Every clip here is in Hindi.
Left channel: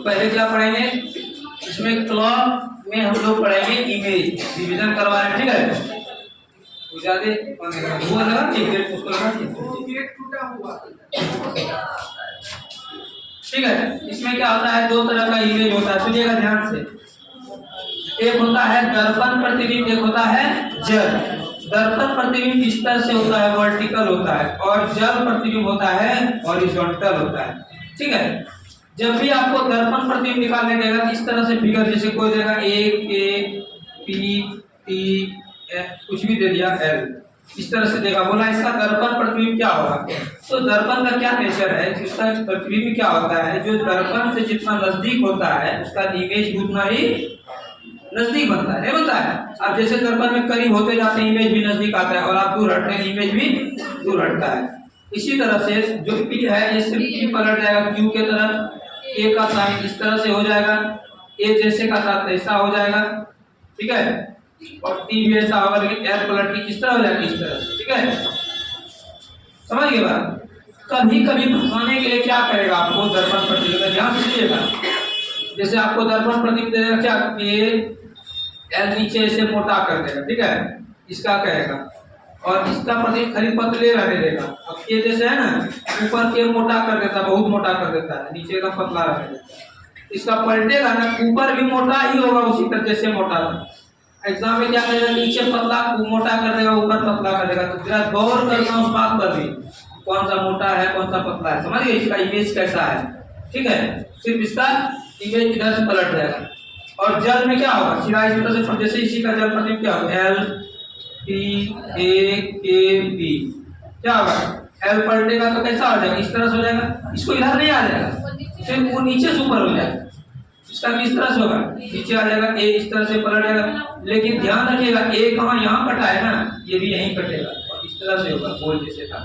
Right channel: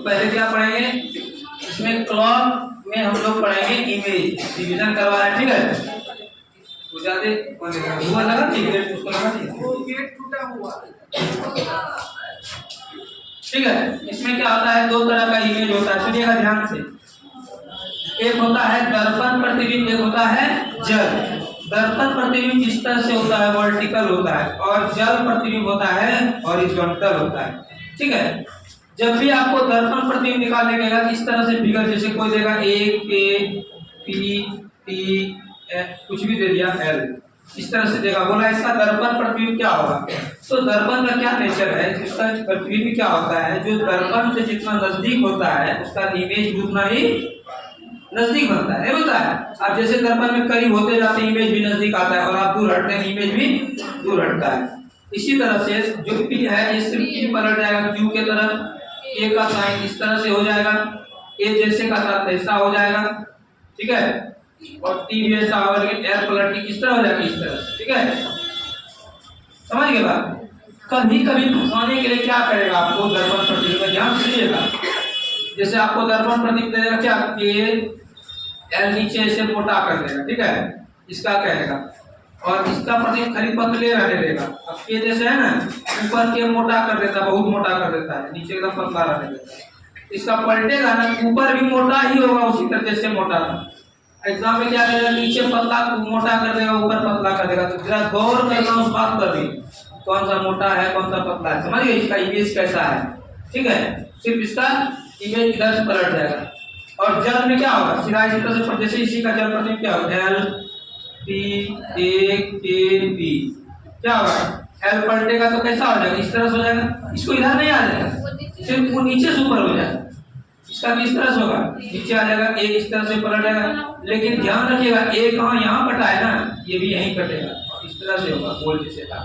तो पहले क्या पढ़ेंगे, इसमें क्लॉक में हम लोग पढ़ेंगे इमेज, डिवीजन करवा रहे हैं, ठीक है। ज्यादा हुआ लगा गेट उसको लगा दिया, वो गेट टूटा हुआ, ठीक है। इसमें क्या होता है, दो तरह का इमेज होता है, सुनिएगा ध्यान से। एक होता है दर्पण प्रतिबिंब, एक होता है जल। दर्पण प्रतिबिंब इस तरह से होता है, वर्टिकल होता है, और जल प्रतिबिंब होता है हॉरिजॉन्टल होता है, ठीक है। जब भी आपको दर्पण प्रतिबिंब निकालने का है, इस तरह से फिगर, जैसे कोई देगा ए के पी टी कुछ भी दे दिया एल, इस तरह से देगा, बोला इसका दर्पण प्रतिबिंब क्या होगा। तो दर्पण का क्या नेचर है, इसका प्रतिबिंब क्या होता है, जो दर्पण से जितना नजदीक होता है उसका इमेज उतना ही नजदीक बनता है, नहीं बनता है। अब जैसे दर्पण में करीब होते जाते हैं इमेज भी नजदीक आता है, और आप दूर हटते हैं इमेज भी दूर हटता है। इसी तरह से जो पी है ये सिर्फ पी पलट जाएगा क्यू के तरफ, ए का साइन इस तरह से हो जाएगा, ए जैसे का था ऐसा हो जाएगा, ठीक है। और टी भी ऐसा होगा, लेकिन एल पलट के किस तरह हो जाएगा, इस तरह से, ठीक है। समझ गए बात। कभी कभी फंसाने के लिए क्या करेगा, आपको दर्पण प्रतिबिंब ध्यान से सुनिएगा। जैसे आपको दर्पण प्रतिबिंब देगा क्या, कि एल नीचे ऐसे मोटा कर देगा, ठीक है, इसका कहेगा, और इसका प्रतिबिंब खाली पतले रहने देगा। अब ये जैसे है ना, ऊपर के मोटा कर देता है, बहुत मोटा कर देता है, नीचे एकदम पतला रहने देता है। इसका पलटेगा ना, ऊपर भी मोटा ही होगा उसी तरह जैसे मोटा था। एग्जाम में क्या करेगा, नीचे पतला मोटा कर देगा, ऊपर पतला कर देगा। तो जरा गौर करना उस बात पर भी, कौन सा मोटा है कौन सा पतला है, समझिए इसका इमेज कैसा है, ठीक है। सिर्फ इसका इमेज इधर से पलट जाएगा। और जल में क्या होगा, सीधा इस तरह से, जैसे इसी का जल प्रतिबिंब क्या होगा, एल पी ए के पी, क्या होगा, एल पलटेगा तो कैसा हो जाएगा, इस तरह से हो जाएगा। इसको इधर नहीं आ जाएगा, सिर्फ वो नीचे से ऊपर हो जाएगा। इसका किस तरह से होगा, नीचे आ जाएगा, ए इस तरह से पलट जाएगा। लेकिन ध्यान रखिएगा, ए कहाँ यहाँ कटा है ना, ये भी यहीं कटेगा, और इस तरह से होगा, गोल जैसे था।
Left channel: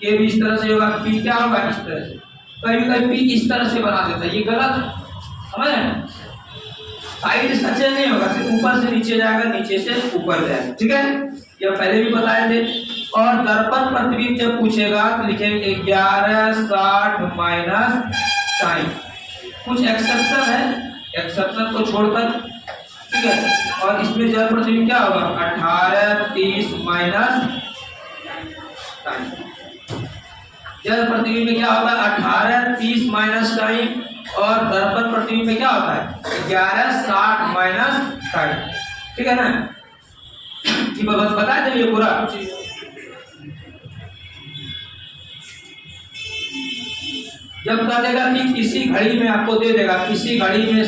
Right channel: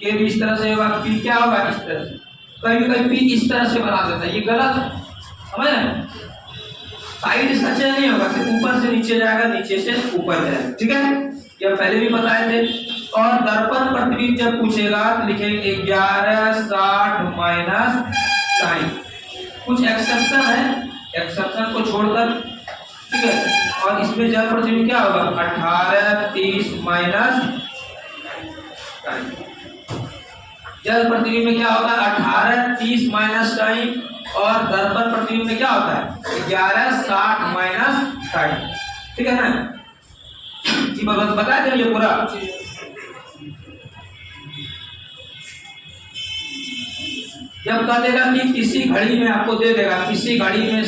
के भी इस तरह से होगा, पी क्या होगा, इस तरह से। कभी कभी पी इस तरह से बना देता है, ये गलत है, समझ रहे हैं। साइड इसका चेंज नहीं होगा, सिर्फ ऊपर से नीचे जाएगा, नीचे से ऊपर जाएगा, ठीक है। ये पहले भी बताए थे। और दर्पण प्रतिबिंब जब पूछेगा तो लिखेंगे 1160 माइनस साइन। कुछ एक्सेप्शन है, एक्सेप्शन को छोड़कर, ठीक है। और इसमें जल प्रतिबिंब क्या होगा, 1830 माइनस साइन। जल प्रतिबिंब में क्या होता है, 1830 माइनस साइन। और दर्पण प्रतिबिंब में क्या होता है, 1160 माइनस साइन, ठीक है ना। ये बात बता देंगे पूरा। जब कह देगा कि किसी घड़ी में, आपको दे देगा किसी घड़ी में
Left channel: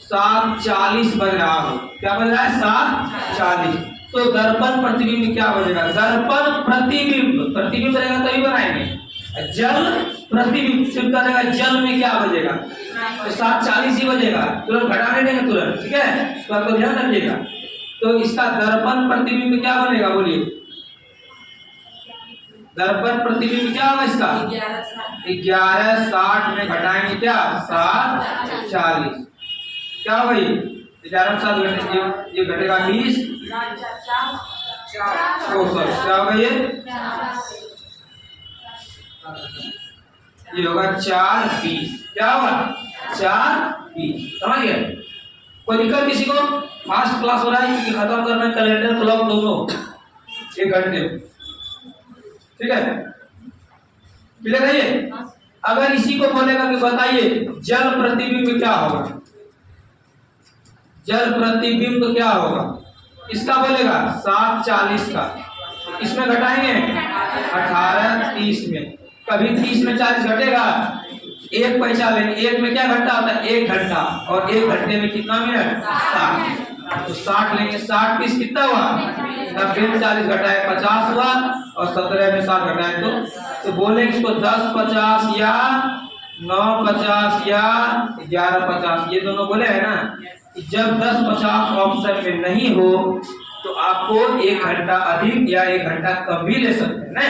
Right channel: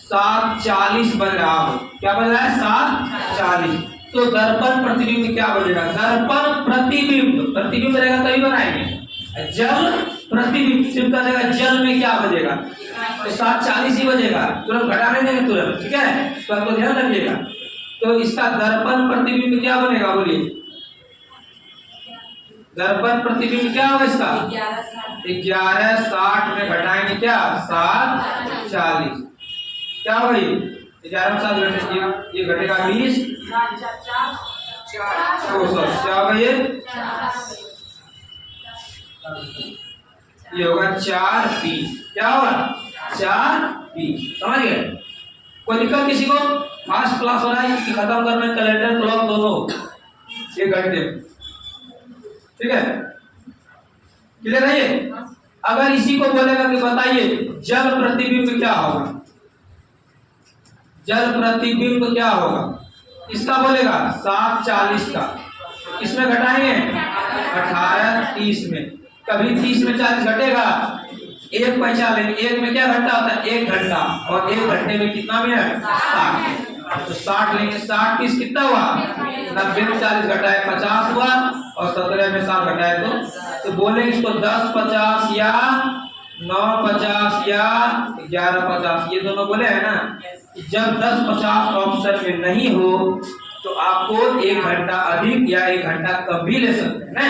7:40 बज रहा हो, क्या बज रहा है, 7:40, तो दर्पण प्रतिबिंब में क्या बजेगा, दर्पण प्रतिबिंब, प्रतिबिंब रहेगा तभी बनाएंगे। जल प्रतिबिंब सिर्फ करेगा, जल में क्या बजेगा, तो 7:40 ही बजेगा, तुरंत घटाने देंगे तुरंत, ठीक है। तो आपको ध्यान रखिएगा। तो इसका दर्पण प्रतिबिंब क्या बनेगा, बोलिए, दर्पण प्रतिबिंब क्या होगा इसका, 1160 में घटाएंगे क्या, 7:40, क्या होगा ये 11 7 घटेगा, ये घटेगा 20, क्या होगा ये होगा 4:20, क्या होगा 4:20, समझ गए। कोई दिक्कत किसी को, फास्ट क्लास वाला है कि खत्म करना कैलेंडर क्लॉक दोनों 1 घंटे, ठीक है, क्लियर है ये। अगर इसी को बोलेगा कि बताइए जल प्रतिबिंब क्या होगा, जल प्रतिबिंब क्या होगा, इसका बोलेगा 7:40 का, इसमें घटाएंगे 18:30 में, कभी 30 में 40 घटेगा, एक पैसा लेंगे, एक में क्या घंटा होता है, 1 घंटा, और 1 घंटे में कितना मिनट, 60, तो 60 लेंगे, 60 कितना हुआ, 90 में 40 घटाए 50 हुआ, और 17 में 7 घटाए तो बोले इसको 10:50 या 9:50 या 11:50, ये दोनों बोले है ना। जब 10:50 ऑप्शन में नहीं हो तो आपको 1 घंटा अधिक या 1 घंटा कम भी ले सकते हैं ना।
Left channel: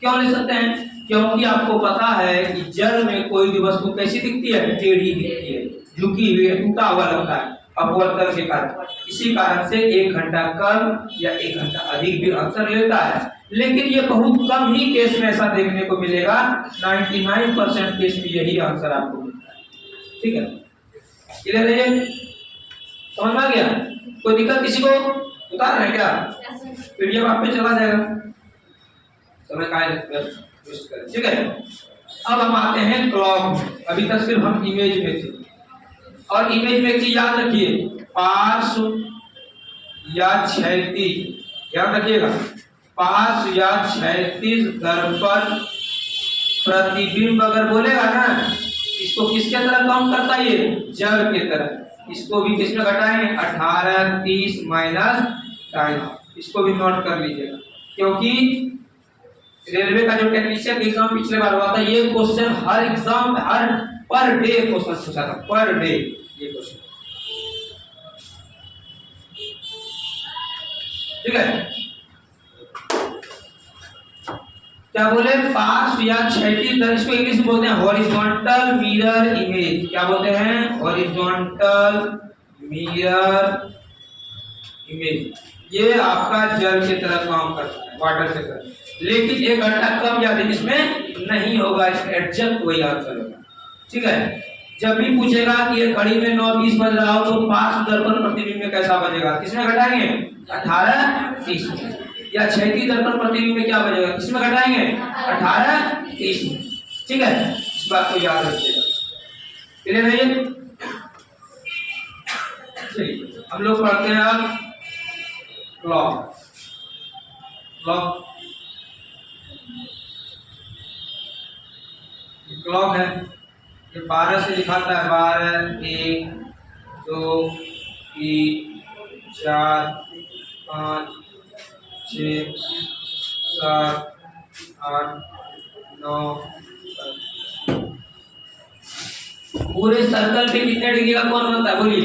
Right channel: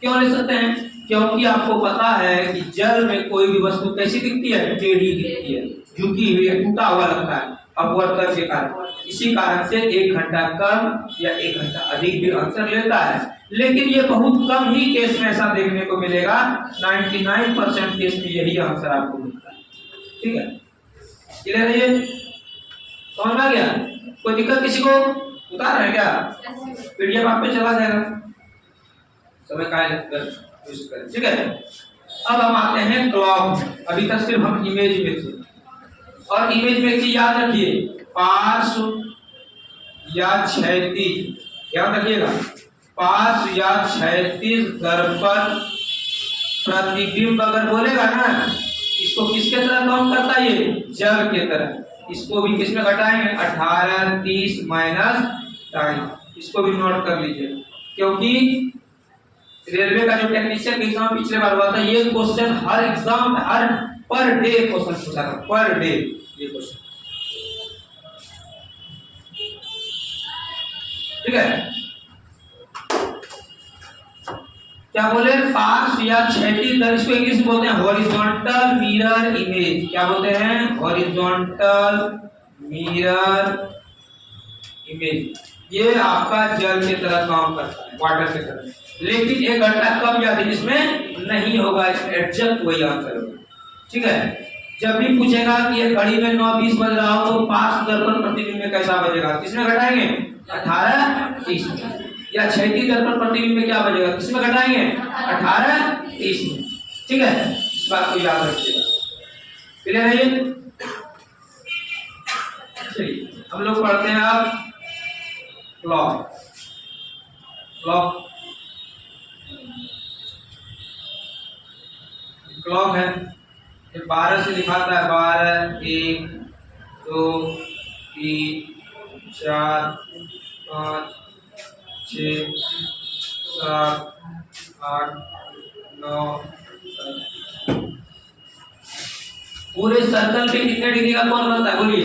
क्यों ले सकते हैं, क्योंकि आपको पता है कि जल में कोई भी वस्तु कैसी दिखती है, टेढ़ी दिखती है, झुकी हुई है, टूटा हुआ लगता है। अपवर्तन के कारण। इसी कारण से 1 घंटा कम या 1 घंटा अधिक भी आंसर लेता है, लेकिन ये बहुत कम ही केस में ऐसा देखने को मिलेगा। 99% केस में यही आंसर आपको मिलता है। ठीक है, क्लियर है? ये समझ में आ गया? कोई दिक्कत किसी को? उतार रहे क्या? पीडीएफ आप पे चला जाएगा, समय का वेस्ट करें। ठीक है, अब हम आते हैं क्लॉक। अभी तक सिर्फ हम इमेज में थे, और इमेज में चीज याद रखिए, पार्श्व या क्षैतिज, याद रखिएगा, पार्श्व या क्षैतिज दर्पण प्रतिबिंब अगर बोलेगा ना, इसको किसके तरह काउंट करता है? ये जल के तरह। इसको भी किस में घटाएंगे? 18, 30 माइनस 2.5। इसको भी नोट कर लीजिएगा, क्योंकि रेलवे का जो टेक्नीशियन एग्जाम पिछले बार हुआ था, ये क्वेश्चन हर एग्जाम हर पर डे क्वेश्चन पूछा था, पर डे ये क्वेश्चन। ठीक है, क्या बोले? पार्श्व या क्षैतिज दर्पण, इसको इंग्लिश में बोलते हैं हॉरिजॉन्टल मिरर इमेज। क्या बोलते हैं? Horizontal mirror image. ये आपका जल की तरह काम करता है, वाटर की तरह, लेकिन 1 घंटा कम या अधिक इसमें नहीं होगा, इसमें एडजस्ट वही आंसर होगा। ठीक है, जब भी पूछेगा कि ये घड़ी में 9:20 बज रहा हो, तो पार्श्व दर्पण प्रतिबिंब में कैसा बजेगा? किसमें घटाएंगे? 18, 30 में। या क्षैतिज दर्पण प्रतिबिंब में क्या बजेगा? किसमें घटाएंगे? 18, 30 में। ठीक है, इस बात को याद रखिएगा। क्लियर है ये? चलिए हम लोग पढ़ते हैं अब क्लॉक। क्लॉक क्लॉक है, ये 12 से दिखाता है। 12, 1, 2, 3, 4, 5, 6, 7, 8, 9, 10। पूरे सर्कल पे कितने डिग्री का कोण बनता है? बोलिए।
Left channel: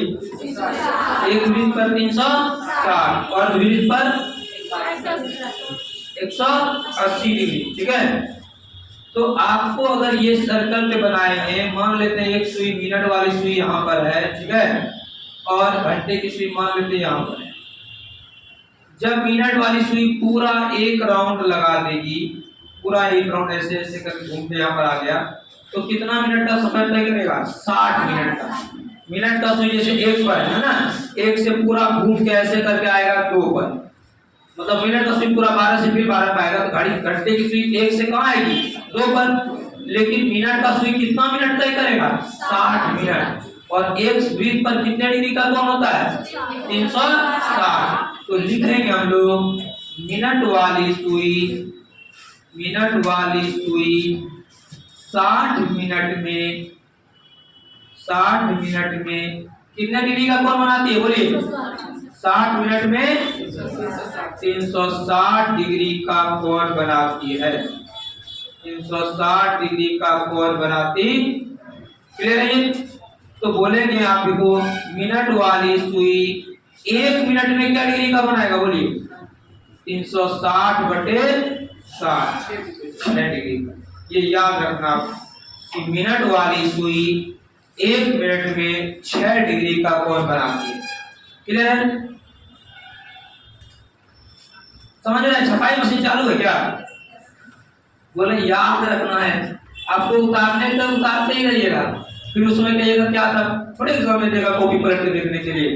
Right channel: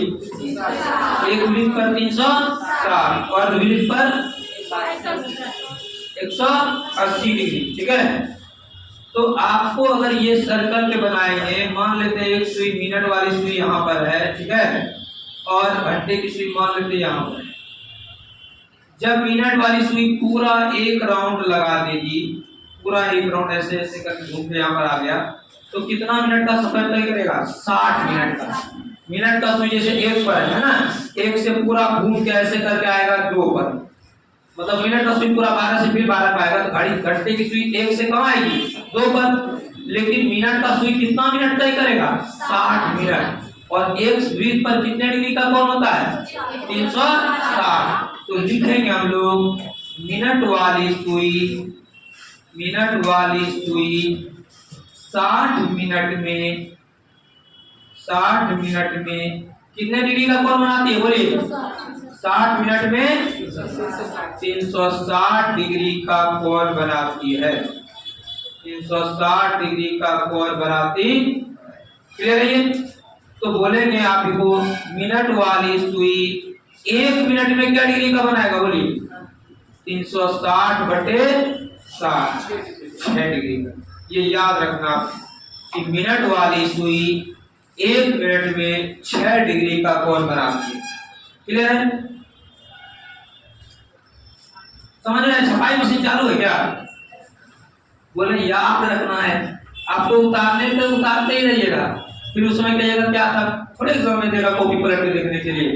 एक वृत्त पर 360 और द्विवृत्त पर 180 डिग्री। ठीक है, तो आपको अगर ये सर्कल पे बनाएंगे, मान लेते हैं एक सुई, मिनट वाली सुई यहाँ पर है, ठीक है, और घंटे की सुई मान लेते हैं यहाँ पर है। जब मिनट वाली सुई पूरा 1 राउंड लगा देगी, पूरा 1 राउंड ऐसे ऐसे करके घूम के यहाँ पर आ गया, तो कितना मिनट का समय तय करेगा? 60 मिनट का। मिनट का सुई जैसे 1 पर है ना, 1 से पूरा घूम के ऐसे करके आएगा 2 पर, मतलब मिनट का सुई पूरा 12 से फिर 12 पे आएगा, तो घड़ी घंटे की सुई 1 से कहाँ आएगी? 2 पर। लेकिन मिनट का सुई कितना मिनट तय करेगा? 60 मिनट। और एक वृत्त पर कितने डिग्री का कोण होता है? 360। तो लिखेंगे हम लोग मिनट वाली सुई 60 मिनट में कितने डिग्री का कोण बनाती है? बोलिए। 60 मिनट में 360 डिग्री का कोण बनाती है। 360 डिग्री का कोण बनाती। क्लियर है? तो बोलेंगे आप देखो, मिनट वाली सुई 1 मिनट में क्या डिग्री का बनाएगा? बोलिए। 360 बटे 60, 6 डिग्री का। ये याद रखना कि मिनट वाली सुई 1 मिनट में 6 डिग्री का कोण बनाती है। क्लियर है? समझ रहे हैं? छपाई मशीन चालू है क्या? बोले याद रखना है आपको, उतारने तक उतारते ही रहिएगा, फिर उसमें कहिएगा क्या था, थोड़े समय देगा कॉपी पलट के देखने के लिए।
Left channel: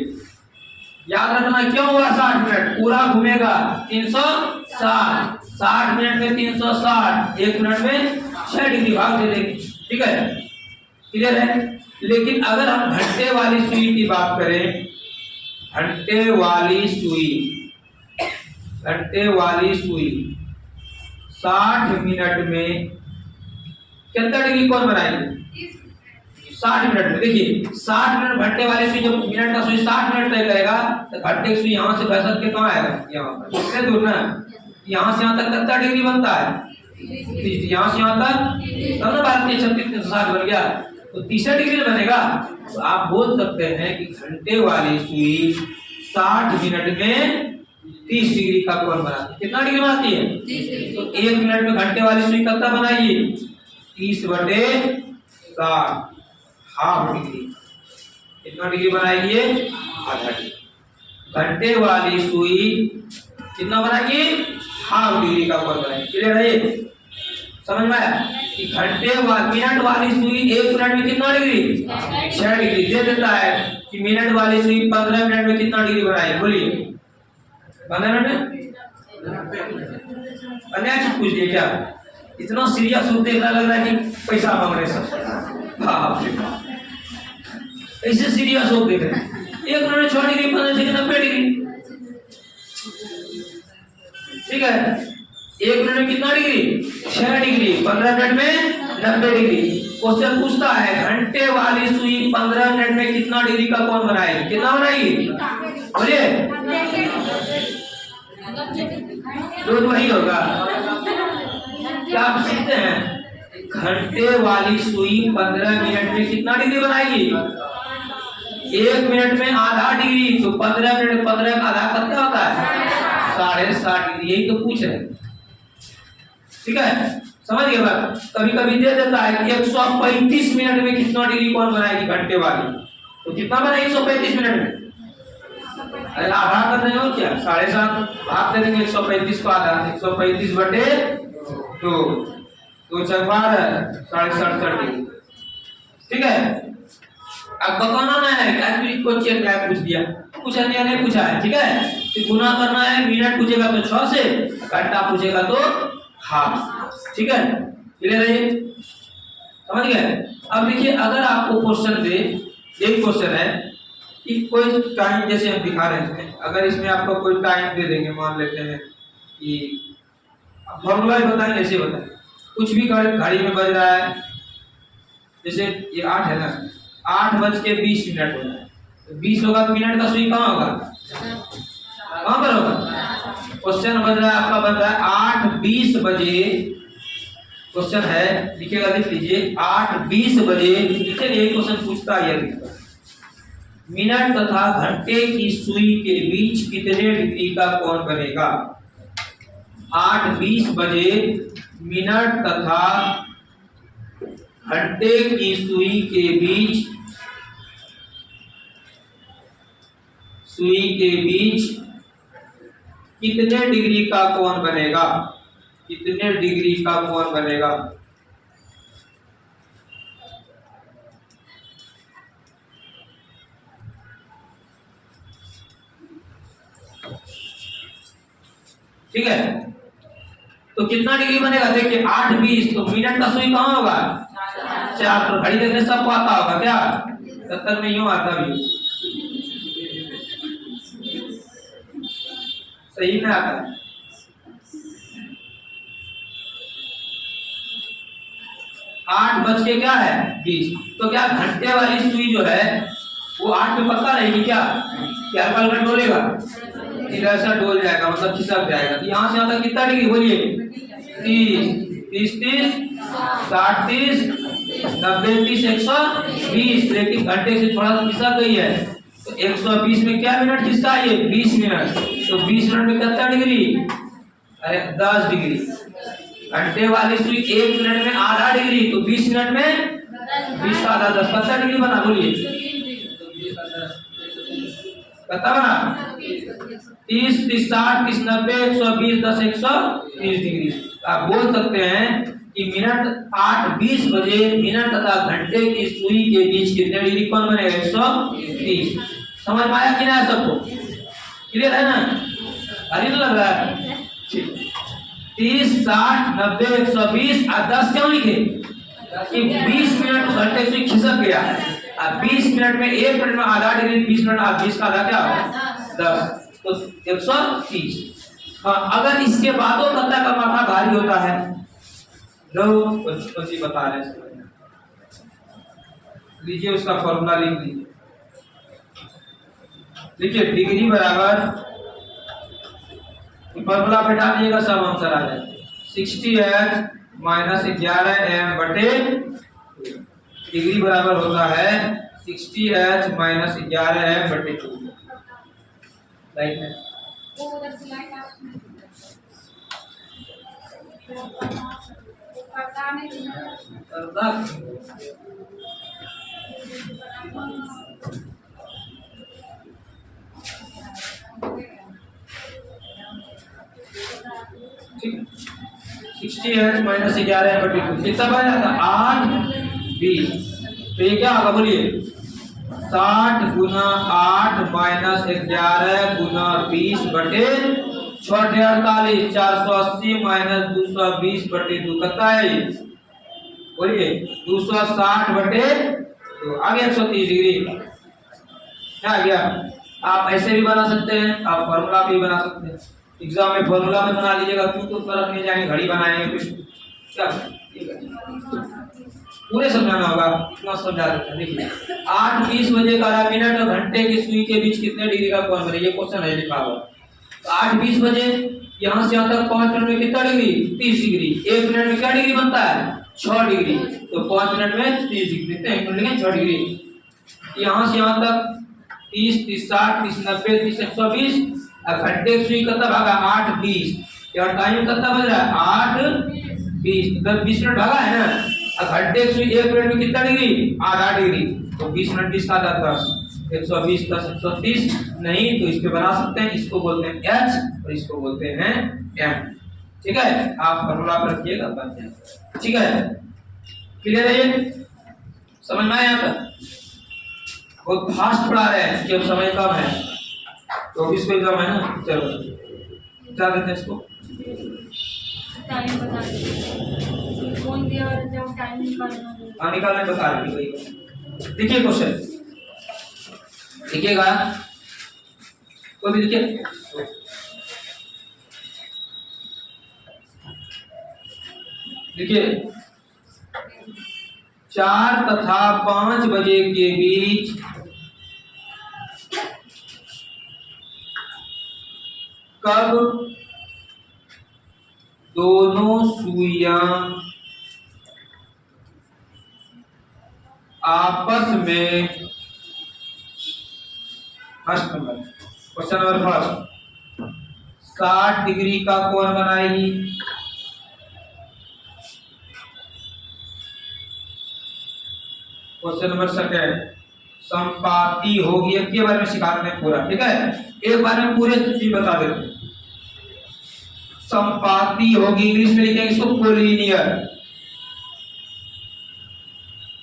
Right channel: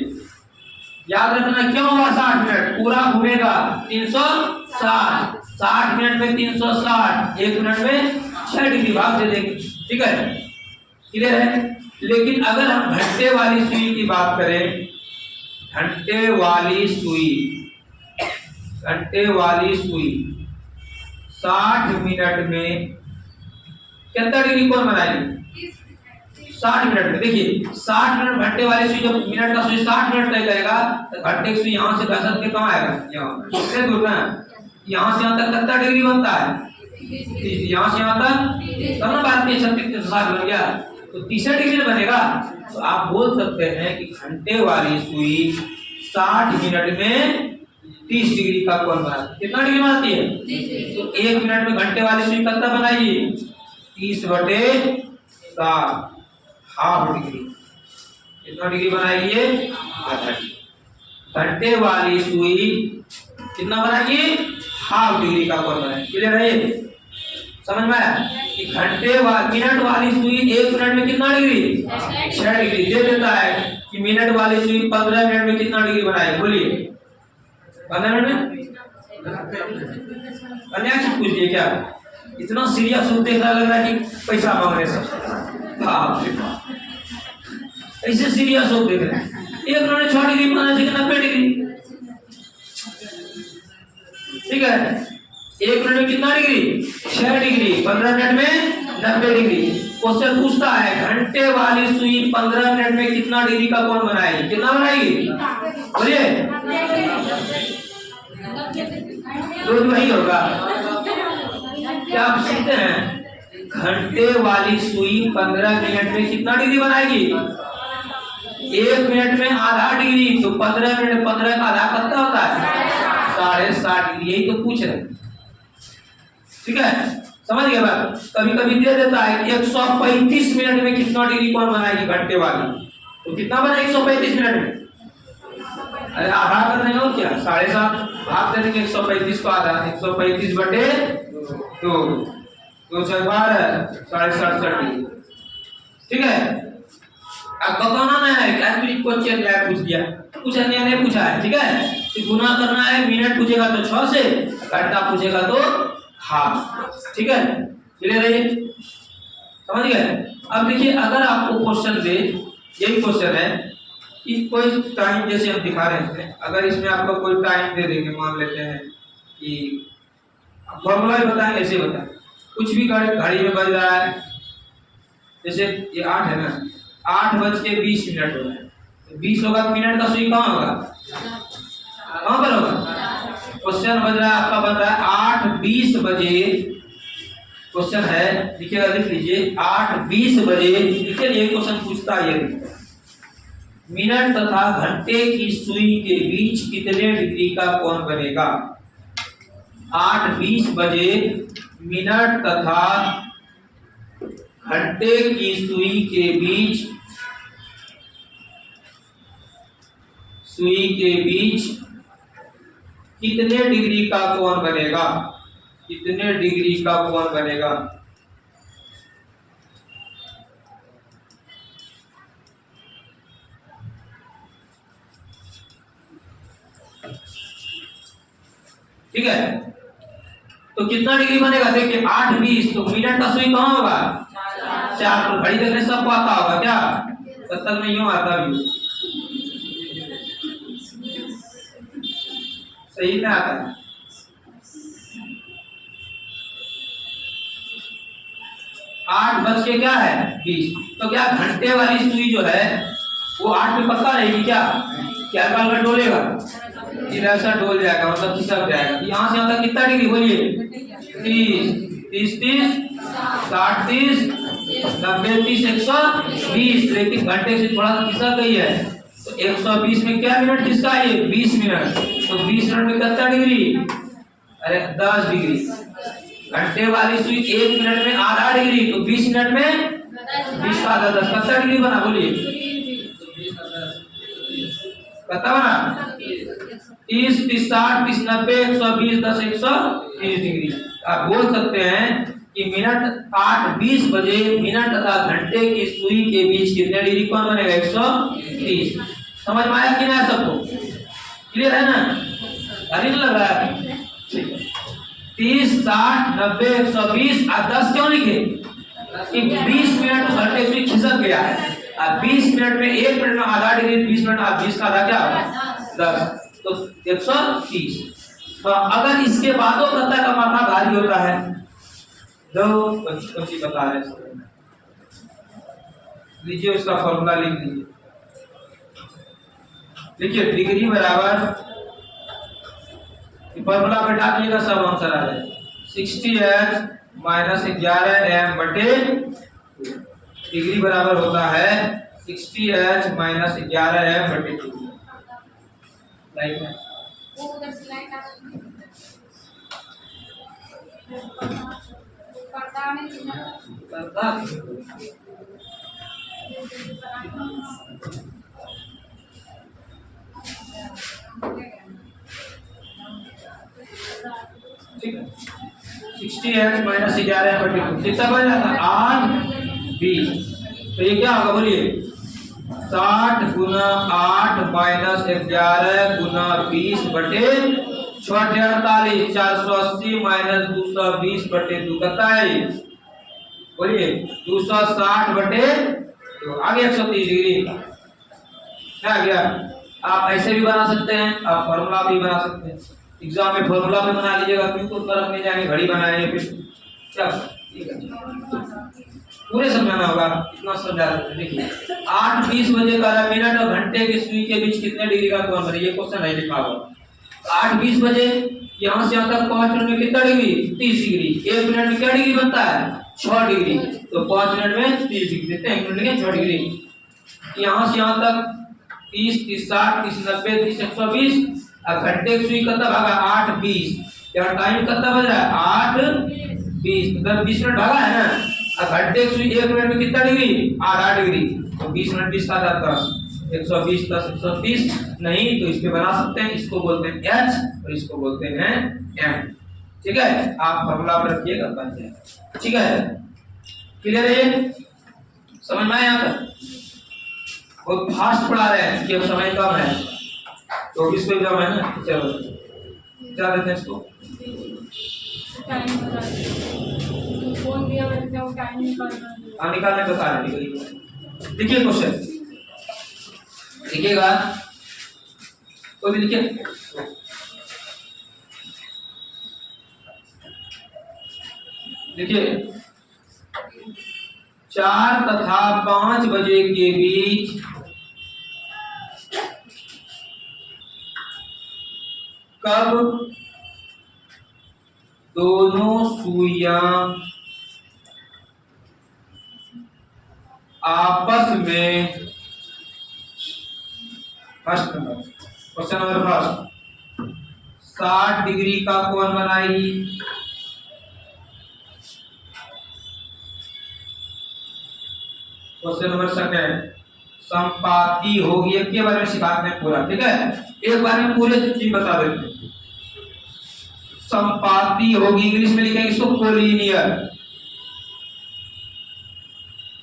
याद रखना क्यों होगा 60 मिनट पूरा घूमेगा 360, 60 मिनट में 360, 1 मिनट में 6 डिग्री भाग दे देंगे। ठीक है, क्लियर है? लेकिन अगर हम घंटे वाली सुई की बात करें, घंटे वाली सुई 60 मिनट में कितना डिग्री कोण बनाएगी? 60 मिनट में। देखिए 60 मिनट घंटे वाली सुई, जब मिनट का सुई 60 मिनट तय करेगा, तो घंटे की सुई यहाँ से घसट के कहाँ आएगा? यहाँ। कितने दूर ना, यहाँ से यहाँ तक कितना डिग्री बनता है? 30। यहाँ से यहाँ तक तब ना भारतीय 36 बन गया, तो 30 डिग्री बनेगा। तो आप बोल सकते हैं कि घंटे वाली सुई 60 मिनट में 30 डिग्री का कोण बनाती है। कितना डिग्री बनाती है? 30। तो 1 मिनट में घंटे वाली सुई कितना बनाएगी? 30 बटे 60, हाफ डिग्री। कितना डिग्री बनाएगी ये? आधा डिग्री। घंटे वाली सुई कितना बनाएगी? हाफ डिग्री का कोण बनाएगी। क्लियर है ये? समझ में आया कि मिनट वाली सुई 1 मिनट में कितना डिग्री? 6 डिग्री दे देता है कि मिनट वाली सुई 15 मिनट में कितना डिग्री बनाएगी? बोलिए 15 मिनट में। अन्य चीज पूछ दिए क्या? इतना सीरियस होते लग रहा है कि पैसा मांग रहे सब। बाप रे बाप, ऐसे सीरियस हो देख रहे हैं। 1 मिनट में 6 डिग्री 15 से 90 डिग्री। ठीक है, 1 मिनट में कितना डिग्री? 6 डिग्री। 15 मिनट में 90 डिग्री। क्वेश्चन पूछता है घंटे वाली सुई 15 मिनट में कितना डिग्री का कोण बनाएगी? कितना बनाएगी? बोलिए। रोज वही होगा। क्या आप सीखते हैं? घंटे वाली सुई 15 मिनट में कितना डिग्री बनाएगी? 1 मिनट में आधा डिग्री, तो 15 मिनट में 15 का आधा कितना होता है? 7.5 डिग्री। यही तो पूछ रहे हैं। ठीक है, समझ गए बात? कभी कभी दे देता है कि 135 मिनट में कितना डिग्री कोण बनाएगी घंटे वाली, तो कितना बना 135 मिनट में? अरे आधा कर रहे हो क्या? 7.5 भाग कर देंगे 135 को आधा। 135 बटे 2, 2 4 12, 7.5 डिग्री। ठीक है, अब बताना नहीं है कैलकुलेट क्वेश्चन क्या पूछ दिया, कुछ अन्य ने पूछा है। ठीक है, तो गुना करना है। मिनट पूछेगा तो 6 से, घंटा पूछेगा तो हाफ। ठीक है, क्लियर है? समझ गए? अब देखिए, अगर आपको क्वेश्चन दे, यही क्वेश्चन है कि कोई टाइम, जैसे हम दिखा रहे हैं, अगर इसमें आपको कोई टाइम दे देंगे, मान लेते हैं कि फॉर्मूला बताएंगे, ऐसे बताएं कुछ भी घड़ी में बज रहा है, जैसे ये 8 है ना, 8:20 हो रहा है, तो 20 होगा, मिनट का सुई कहाँ होगा? कहाँ पर होगा? क्वेश्चन बज रहा है आपका, बज रहा है 8:20 बजे। क्वेश्चन है, लिखिएगा, लिख लीजिए 8:20 बजे। लिखिए, ये क्वेश्चन पूछता है मिनट तथा घंटे की सुई के बीच कितने डिग्री का कोण बनेगा? 8:20 बजे मिनट तथा घंटे की सुई के बीच कितने डिग्री का कोण बनेगा? कितने डिग्री का कोण बनेगा? ठीक है, तो कितना डिग्री बनेगा? देखिए 8:20, तो मिनट का सुई कहाँ होगा? 4। तो घड़ी देखने सबको आता होगा क्या? 70 में यूं आता भी, सही में आता है। 8 क्या है? 20। तो क्या घंटे वाली सुई जो है वो 8 में पक्का रहेगी क्या? क्या हल्का डोलेगा? ऐसा डोल जाएगा, मतलब खिसक जाएगा। यहाँ से आता कितना डिग्री? बोलिए 30, 30, 60, 30, 90, 30, 120। लेकिन घंटे से थोड़ा खिसक गई है, तो 120 में क्या मिनट खिसका है? 20 मिनट। तो 20 मिनट में कितना डिग्री? अरे 10 डिग्री। घंटे वाली सुई 1 मिनट में आधा डिग्री, तो 20 मिनट में 20 का आधा 10, कितना डिग्री बना? बोलिए कितना बना? 30, 30, 60, 30, 90, 120, 10, 130 डिग्री। आप बोल सकते हैं कि मिनट 8:20 बजे मिनट तथा घंटे की सुई के बीच कितने डिग्री कोण बनेगा? 130। समझ में आया कि नहीं सबको? क्लियर है ना? अरे तो लग रहा है। ठीक है, 30, 60, 90, 120 और 10 क्यों लिखे? कि 20 मिनट तो घंटे से खिसक गया है। अब 20 मिनट में 1 मिनट में आधा डिग्री, 20 मिनट 20 का आधा क्या होगा? 10, तो 130। हाँ, अगर इसके बादों पता का माथा भारी होता है, दो कुछ बता रहे हैं, लीजिए उसका फॉर्मूला लिख लीजिए। देखिए डिग्री बराबर, फॉर्मूला बैठा दिएगा, सब आंसर आ जाएगा। 60h माइनस 11m बटे डिग्री बराबर होता है 60h माइनस 11m बटे 2। लाइट है वो उधर से लाइट आ ठीक है 60h माइनस 11/2 कितना बन जाता 8 20। तो ये क्या होगा बोलिए 60 गुना 8 माइनस 11 गुना 20 बटे 48 480 माइनस 220 बटे 2 कितना है बोलिए 260 बटे तो आ गया 130 डिग्री क्या आ गया। आप ऐसे भी बना सकते हैं आप फॉर्मूला भी बना सकते हैं एग्जाम में फॉर्मूला भी बना लीजिएगा क्यों तो उत्तर रखने जाएंगे घड़ी बनाएंगे फिर क्या ठीक है पूरे समझाना होगा इतना समझा देते हैं। देखिए 8:20 बजे 11 मिनट और घंटे की सुई के बीच कितने डिग्री का कोण बने ये क्वेश्चन है लिखा हुआ। तो 8:20 बजे यहां से यहां तक 5 मिनट में कितना डिग्री 30 डिग्री 1 मिनट में क्या डिग्री बनता है 6 डिग्री तो 5 मिनट में 30 डिग्री कितने 1 मिनट में 6 डिग्री यहां से यहां तक 30 30 60 30 90 30 120 अब घंटे की सुई कितना भागा 8:20 यार टाइम कितना बज रहा है 8:20 मतलब 20 मिनट भागा है ना। अब घंटे की सुई 1 मिनट में कितना डिग्री आधा डिग्री तो 20 मिनट 20 का जाता 120 + 130 नहीं तो इस पे बना सकते हैं इसको बोलते हैं h और इसको बोलते हैं m ठीक है आप फॉर्मूला पे रखिएगा बन जाएगा ठीक है क्लियर है ये समझ में आया यहां तक बहुत फास्ट पढ़ा रहे हैं कि अब समय कम है तो इस पे एग्जाम है ना चलो बता देते हैं इसको टाइम बता कौन दिया है वो टाइम निकालना निकालने बता रहे हैं देखिए क्वेश्चन देखिएगा तो भी देखिए देखिए 4 तथा 5 बजे के बीच कब दोनों सुइयां आपस में first number question number first 60 degree का कोण बनाएगी क्वेश्चन नंबर सेकंड संपाती होगी एक के बारे में सिखाते हैं पूरा ठीक है एक बार में पूरे चीज बता देते हैं संपाती होगी इंग्लिश में लिखेंगे इसको कोलिनियर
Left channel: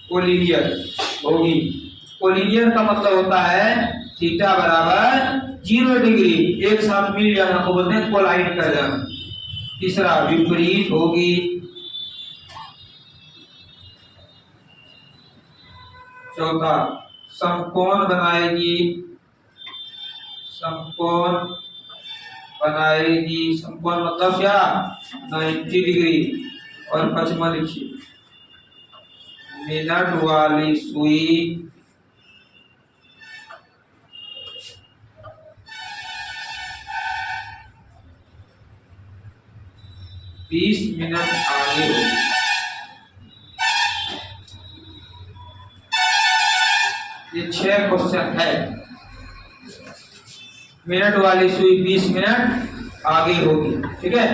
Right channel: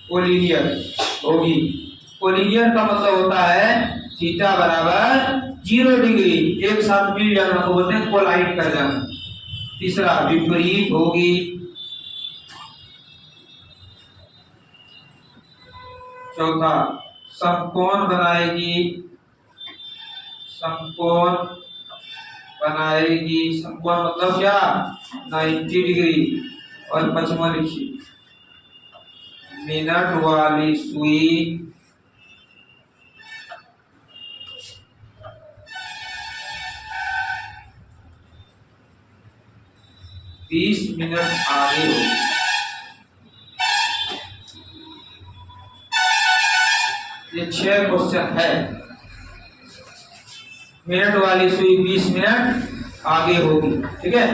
कोलिनियर होगी कोलिनियर का मतलब होता है थीटा बराबर 0 डिग्री एक साथ मिल जाना को बोलते हैं कोलाइड कर जाना। तीसरा विपरीत होगी चौथा समकोण बनाएगी समकोण बनाएगी समकोण मतलब क्या 90 डिग्री और पांचवा लिखिए मिनट वाली सुई बीस मिनट आगे होगी ये 6 क्वेश्चन है मिनट वाली सुई 20 मिनट आगे होगी ठीक है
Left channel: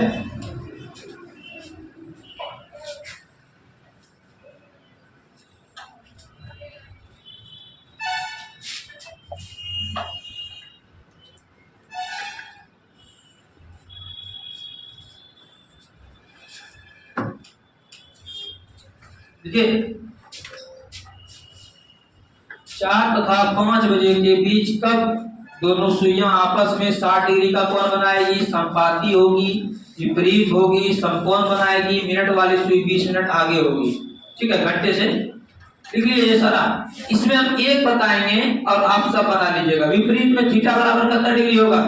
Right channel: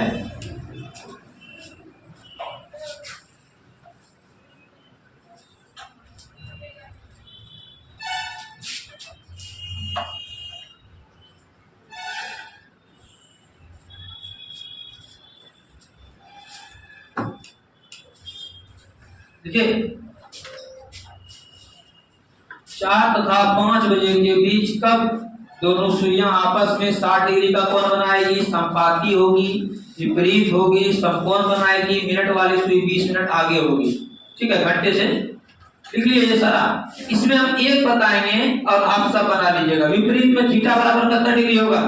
देखिए 4 तथा 5 बजे के बीच कब दोनों सुइयां आपस में 60 डिग्री का कोण बनाएगी संपाती होगी विपरीत होगी समकोण बनाएगी मिनट वाली सुई 20 मिनट आगे होगी ठीक है घंटे से लिख लीजिए ये सारा इसमें हम एक बताएंगे और आप सब बना लीजिएगा विपरीत में थीटा बराबर कितना डिग्री होगा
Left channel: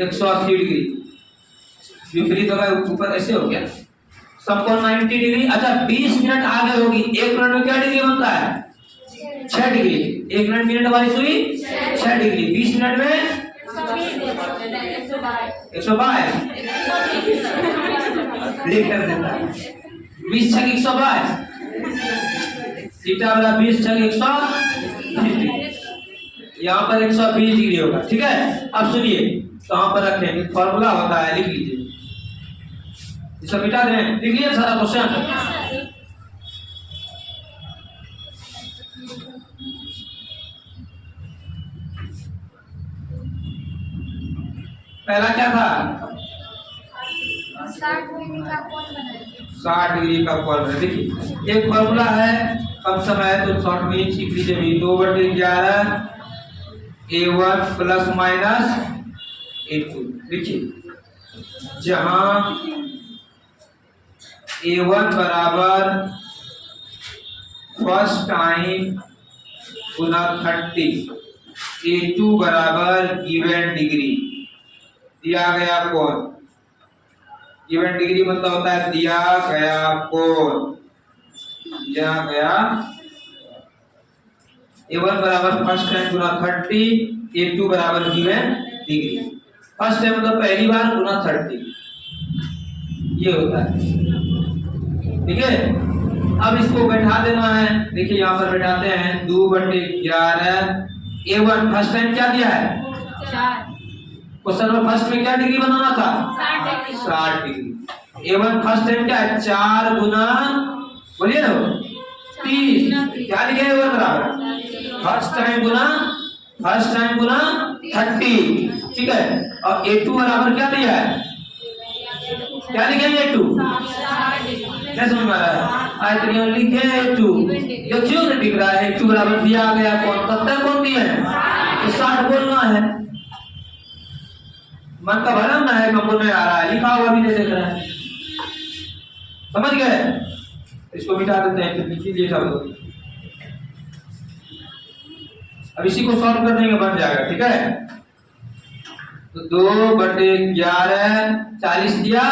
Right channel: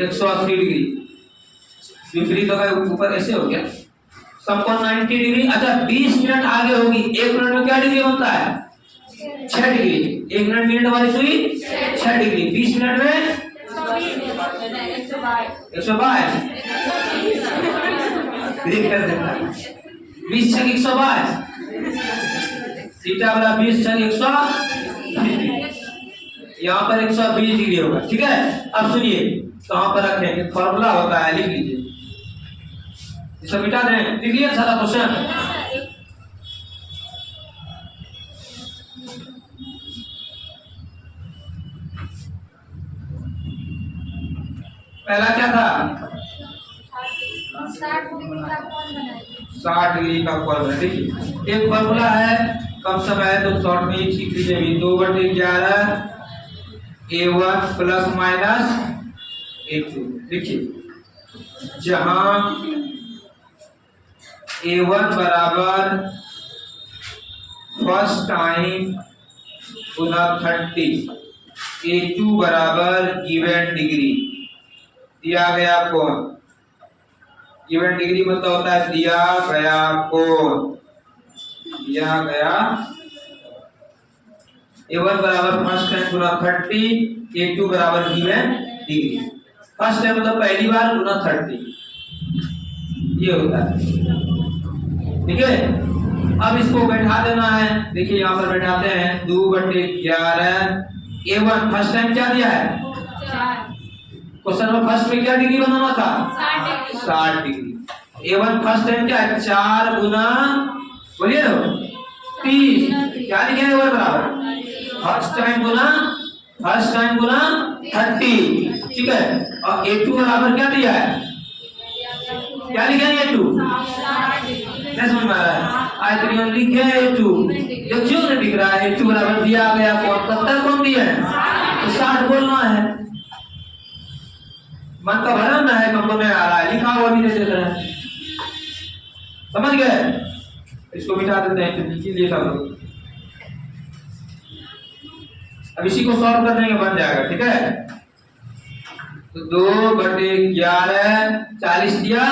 180 डिग्री विपरीत होगा ऊपर ऐसे हो गया समकोण 90 डिग्री अच्छा 20 मिनट आगे होगी 1 मिनट में क्या डिग्री बनता है 6 डिग्री 1 मिनट मिनट वाली सुई 6 डिग्री 20 मिनट में 122 कर देता 20 छक 122 थीटा वाला 20 छक 120 यहाँ पर 120 डिग्री होगा ठीक है। अब सुनिए कहां पर रखेंगे फॉर्मूला होता है लिख लीजिए इसे मिटा दें लिख लिया सारा क्वेश्चन पहला क्या था 60 डिग्री का कोण बनाएगी। 60 डिग्री का कोण बना। देखिए एक फॉर्मूला है, कम समय है तो शॉर्ट में सीख लीजिए भी। 2/11 A1 प्लस माइनस A2। देखिए जहां A1 बराबर फर्स्ट टाइम गुना 30, A2 बराबर गिवन डिग्री दिया गया कोण। गिवन डिग्री मतलब होता है दिया गया कोण, दिया गया। A1 बराबर फर्स्ट टाइम गुना 30, A2 बराबर गिवन डिग्री। फर्स्ट टाइम मतलब पहली बार गुना 30, ये होता है। ठीक है, अब इसको बैठा देना है। देखिए यहाँ पर बैठाते हैं 2/11 A1 फर्स्ट टाइम क्या दिया है 4। क्वेश्चन में फर्स्ट में क्या डिग्री बनाना था 60 डिग्री। A1 फर्स्ट टाइम क्या है 4 गुना बोलिए ना 30, क्या लिखे A1 बराबर फर्स्ट टाइम गुना 30। ठीक है, और A2 बराबर क्या दिया है, क्या लिखे A2 नहीं समझ में आ रहा है। आयत लिखे A2, देखियो ना दिख रहा है A2 बराबर दिया गया कौन कब कौन दिया है तो 60 बोलना है। मन का भ्रम ना है, हमको नहीं आ रहा है, लिखा हुआ भी नहीं देख रहा है। समझ गए, इसको मिटा देते हैं, लिखिए लिए सब लोग। अब इसी को सॉल्व कर देंगे, बन जाएगा। ठीक है, तो 2/11 40 दिया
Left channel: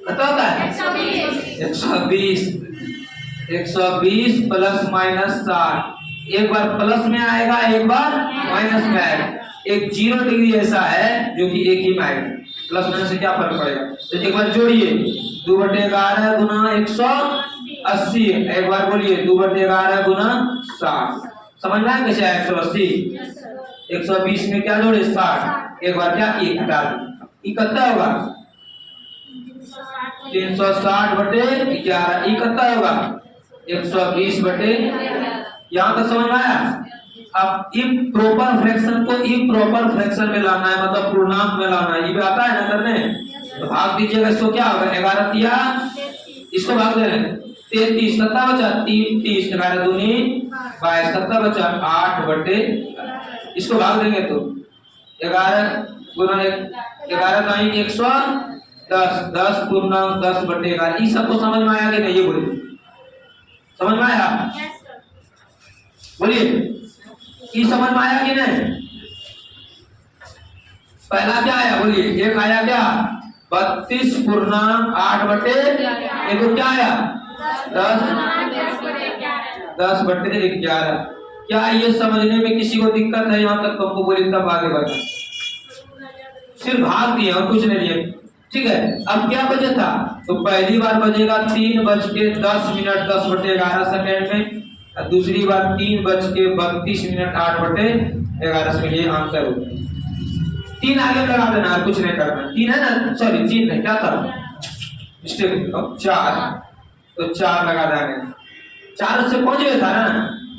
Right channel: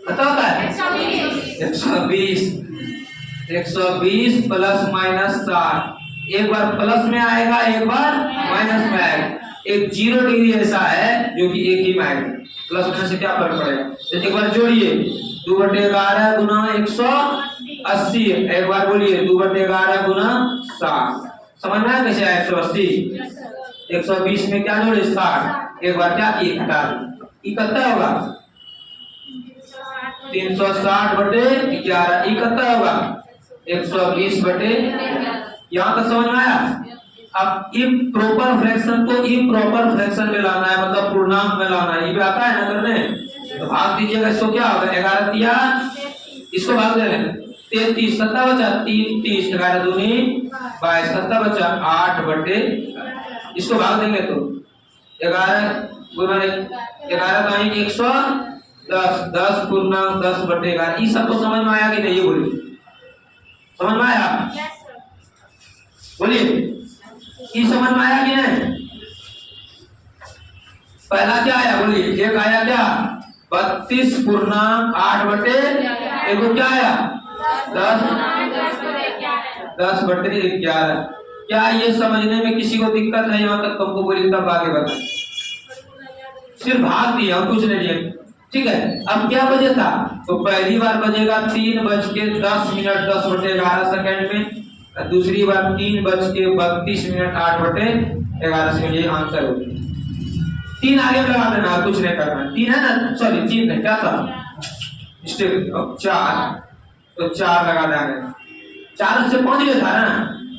कितना होता है 120 प्लस माइनस 60। एक बार प्लस में आएगा, एक बार माइनस में आएगा। एक 0 डिग्री ऐसा है जो कि एक ही में आएगा, प्लस माइनस से क्या फर्क पड़ेगा। तो एक बार जोड़िए 2/11 गुना 180, एक बार बोलिए 2/11 गुना 60। समझ में आया कैसे आया 180। 120 में क्या जोड़े 60, एक बार क्या किए घटा दी, कितना होगा 360/11, कितना होगा 120/, यहाँ तक समझ में आया। अब इम्प्रॉपर फ्रैक्शन को इम्प्रॉपर फ्रैक्शन में लाना है, मतलब पूर्णांक में लाना है। ये भी आता है ना करने, तो भाग दीजिएगा। इसको क्या होगा 11 दिया, इसको भाग दे रहे 33, कितना बचा 3 30, 11 दूनी 22, कितना बचा 8/, इसको भाग देंगे तो 11 गुना 11 का 110, 10 पूर्णांक 10/11। ये सबको समझ में आया कि नहीं, ये बोलिए समझ में आया, बोलिए ये समझ में आया कि नहीं। पहला क्या आया बोलिए, एक आया क्या 32 पूर्णांक 8/, एक क्या आया 10/11। क्या ये समझने में किसी को दिक्कत है, यहाँ तक तुमको बोली तब आगे बढ़े, सिर्फ भाग दिए और कुछ नहीं दिए। ठीक है, अब क्या बजे था, तो पहली बार बजेगा 3:10 10/11 में, दूसरी बार 3:32 8/11 सेकंड। ये आंसर हो गया। 3 आगे लगा देना, कुछ नहीं करना। 3 है ना, सॉरी 3 नहीं, क्या था मिस्टेक, 4, तो 4 लगा देंगे। 4 से पहुंच गया था ना,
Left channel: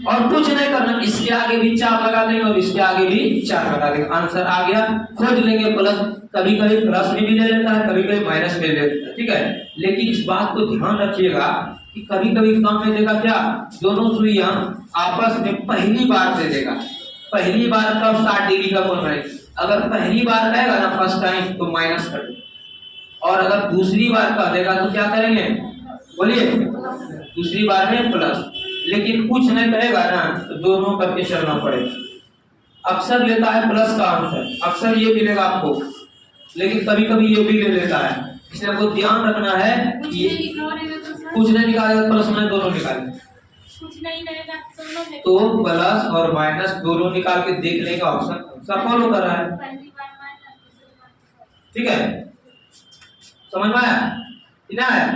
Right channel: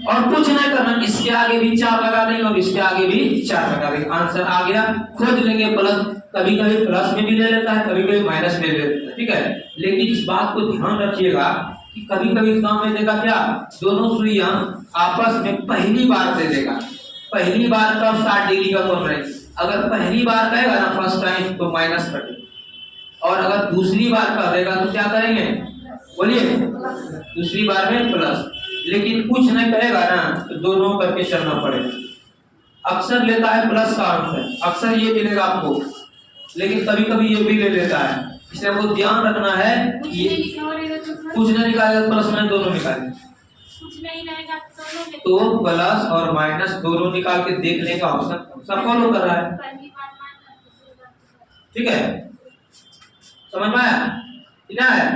और कुछ नहीं करना, इसके आगे भी 4 लगा देंगे और इसके आगे भी 4 लगा देंगे, आंसर आ गया। खोज लेंगे प्लस, कभी कभी प्लस में भी ले लेता है, कभी कभी माइनस में ले लेता है। ठीक है, लेकिन इस बात को ध्यान रखिएगा कि कभी कभी एग्जाम में देगा क्या, दोनों सुइयां आपस में पहली बार दे देगा। पहली बार कब 60 डिग्री का कोण बनेगा, अगर पहली बार कहेगा ना फर्स्ट टाइम तो माइनस कर देंगे, और अगर दूसरी बार कह देगा तो क्या करेंगे बोलिए, दूसरी बार में प्लस। लेकिन कुछ नहीं कहेगा ना तो दोनों करके चलना पड़ेगा। अक्सर लेता है प्लस का आंसर, अक्सर ये मिलेगा आपको, लेकिन कभी कभी ये भी ले लेता है। इसलिए आपको ध्यान रखना है कि कुछ नहीं निकालेगा प्लस में दोनों निकालेंगे, कुछ नहीं रहेगा तो प्लस और माइनस दोनों निकाल के देख लेगा, ऑप्शन सब फॉलो कर रहा है। ठीक है, समझ में आया इतना है।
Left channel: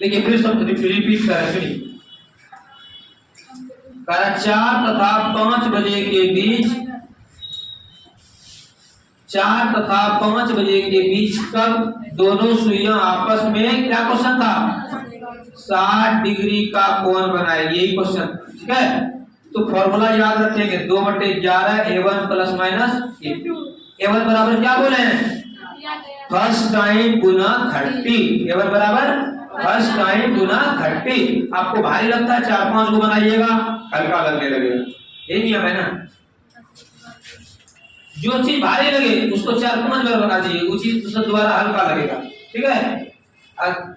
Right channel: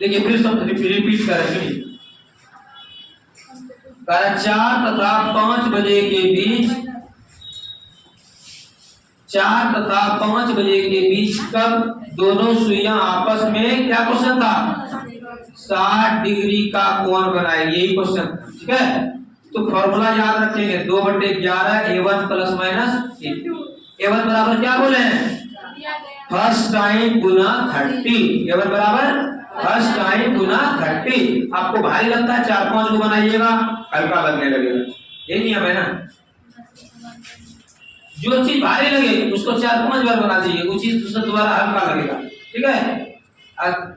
देखिए फिर सब रिपीट करें, सुनिए 4 तथा 5 बजे के बीच, 4 तथा 5 बजे के बीच कब दोनों सुइयां आपस में, क्या क्वेश्चन था 60 डिग्री का कोण बनाएगी, यही क्वेश्चन। ठीक है, तो फॉर्मूला याद रखेंगे 2/11 A1 plus minus A2। A1 बराबर क्या बोले हैं दिया गया फर्स्ट टाइम गुना 30 ये बराबर फर्स्ट टाइम गुना 30। आपको भारी लगता है 4-5 को बनाइएगा, हल्का लगने लगेगा, ये नियम है ना। जो चीज भारी लगे उसको 4-5 बार बना दीजिए, उस चीज उससे दोबारा हल्का लगेगा, ठीक है।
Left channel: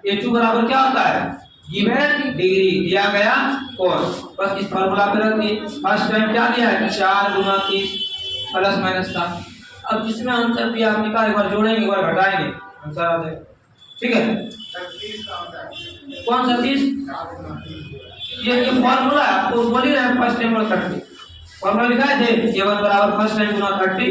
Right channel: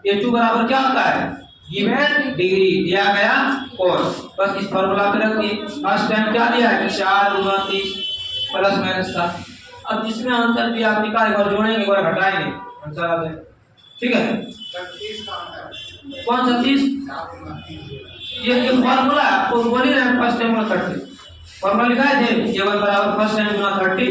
A2 बराबर क्या होता है, गिवन डिग्री दिया गया कोण, बस इस फार्मूला पे रख दिए। फर्स्ट टाइम क्या दिया है 4 गुना 30 प्लस माइनस 7। अब जिसमें आंसर दिया आप निकाल, एक बार जोड़ेंगे एक बार घटाएंगे, आंसर आ जाएगा, ठीक है। कौन सा 30, ये फार्मूला है, आपको बोल ही रहे फर्स्ट टाइम गुना 30 फार्मूला लिखा थे, A1 बराबर फर्स्ट टाइम गुना 30।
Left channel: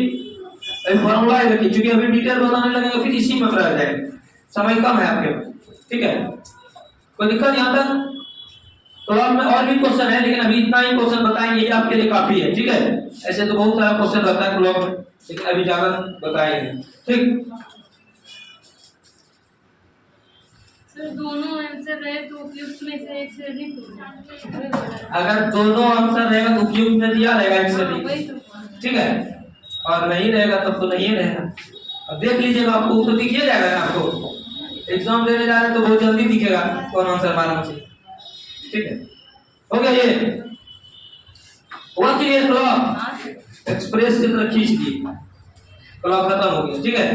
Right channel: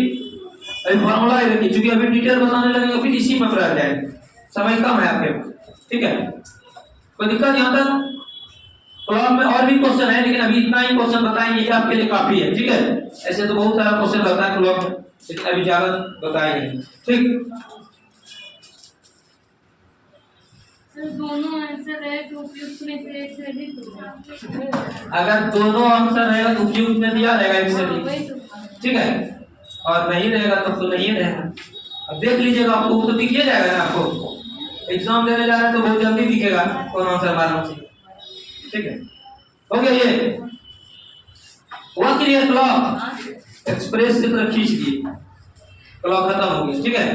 अभी फार्मूला है देखिए, क्योंकि अभी डिटेल बताने लगेंगे फिर इसी में रह जाएंगे, समय कम है आपके पास, ठीक है। कोई दिक्कत यहाँ तक? तो अब में और भी क्वेश्चन है, लेकिन अभी इतना ही क्वेश्चन बताएंगे, ये आपके लिए काफी है, ठीक है। ऐसे तो बहुत सारा क्वेश्चन रहता है क्लॉक में, लेकिन अभी ज्यादा बताएंगे, ठीक। सर दोनों आंसर रहे तो उपयुक्त में से एक से अधिक होगा। अगर दोनों आंसर रहेगा तो उपयुक्त में दिया रहेगा एक से अधिक, ठीक है, और नहीं रहेगा तब तो नहीं रहेगा। अब देख लीजिएगा, आपको तो दिख ही जाएगा ना, आपको एग्जाम देने जा रहे हैं तो बहुत जल्दी दिखेगा कौन आंसर मारना चाहिए, ठीक है। हो गया ये हुआ क्लियर? क्लॉक एक्सप्रेस की तरह खींच दिए, क्लॉक खत्म हो गया, ठीक है।